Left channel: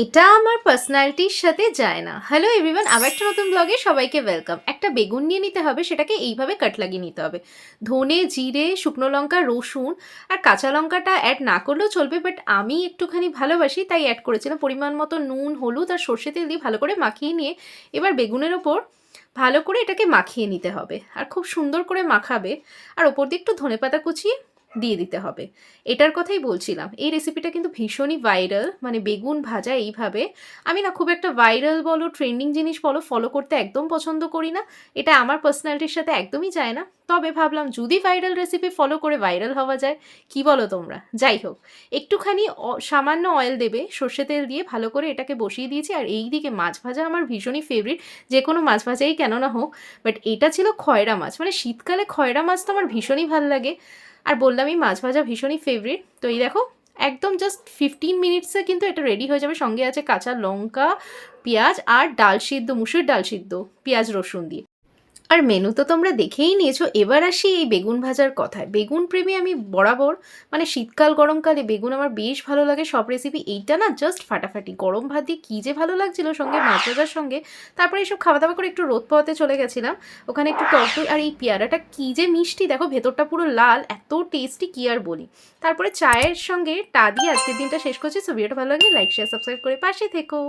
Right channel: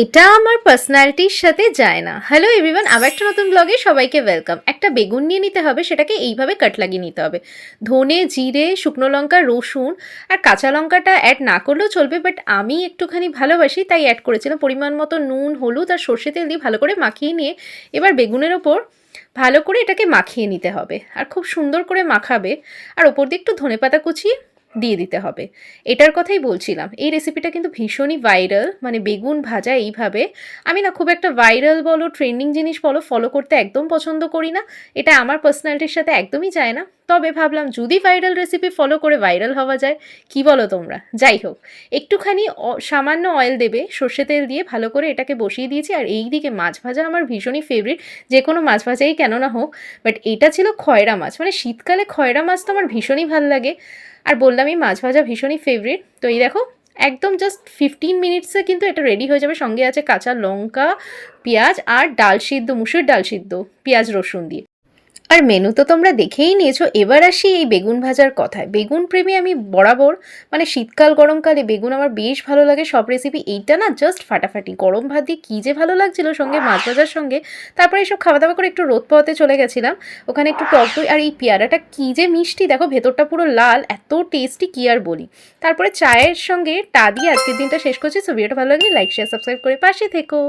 এটা আমার পার্সোনালিটির সাথে যায় না। হ্যালো এভরিওয়ান আবার একটা নতুন ব্লগে সবাইকে ওয়েলকাম একটা বেগুন নিয়ে নিতে হবে, সেটাকে এইভাবে কাট লাগিয়ে নিতে হবে। ধনে, জিরে, শুকনো লঙ্কা, রসুন আর কাঁচা লঙ্কাটা অ্যাড না করলেও চলবে বাট আমি একটুখানি ভালোবাসি, তাই অ্যাড করেছিলাম। পরিমাণ মতো নুন, হলুদ আর সর্ষে তেল দিয়ে ভালো করে মাখিয়ে নিয়ে এবার বেগুনের ওপর ভালো করে এটাকে মাখিয়ে নিতে হবে। আর খুব সুন্দর করে মাখাবে। আর ওপর দিয়ে একটু ধনেপাতা কুচিয়ে দিয়ে দিতে হবে। এটার কথাই বলছিলাম। এই রেসিপিটা কিন্তু ভীষণই ভাইরাল মানে বেগুন ভাজা এইভাবে। আমি না খুব একটা ভাইরাল বলো ট্রেন্ডিং জিনিস বলো ফলো করতে একদম পছন্দ করি না। এটা আমার পার্সোনালিটির সাথে একদমই যায় না। তবে ভাবলাম, যদি ভাইরাল রেসিপি ফলো করে ভাইরাল হওয়া যায়, কি বলো তোমরা? যাই হোক, একটুখানি সামান্য অয়েল দেবে, সর্ষে তেল দিয়ে ভালো করে এটাকে বসিয়ে দিয়েছি। আর এই দিকে মাছ ভাজা আমার ভীষণই ফেভারিট যে কোনো মাছ ভাজাই কেন না হোক বাট এটা ছিল খয়রা মাছ। মানে শীতকালে খয়রা মাছ তো আমার ভীষণই ভালো লাগে। আর বললাম এই মাছ ভাজা ভীষণই ফেভারিট তো এই দেখো, একদম জাস্ট ফিফটিন মিনিটসে কিন্তু এটা রেডি হয়ে যাবে। সঙ্গে আছে কাঁচা লঙ্কা, পেঁয়াজ আর ডাল সিদ্ধ, মুসুর ডাল সিদ্ধ, পেঁয়াজ রসুন দিয়ে। আর মেনু তো তোমরা দেখেই নিয়েছো। এবার আসি এই বেগুন ভাজার কথায়। বেগুন প্রেমী আমি বরাবর মানে শীতকাল, গরমকালে বেগুন আমার বেশ ভালো লাগে, সব রেসিপি এইটা না জাস্ট ফাটাফাটি। গরম ভাত দিয়ে কী যে ভালো লাগছিল সঙ্গে, মাছ ভাজার সঙ্গে। তারপরে এইসব খাওয়া দাওয়া করে একটু রোদ পাওয়াতে চলে গেছিলাম। ওখানে একটু টক দই আর এই পেয়ারাটা কী যে মিষ্টি, দেখো ভেতরটা পুরো লাল, এত টেস্টি কী আর বলি। তারপরে চায়ের সঙ্গে টা দিয়ে আজকের দিনটা শেষ করছি। সো ভিডিওটা ভালো লাগলে লাইক শেয়ার সাবস্ক্রাইব করে পাশে থেকো।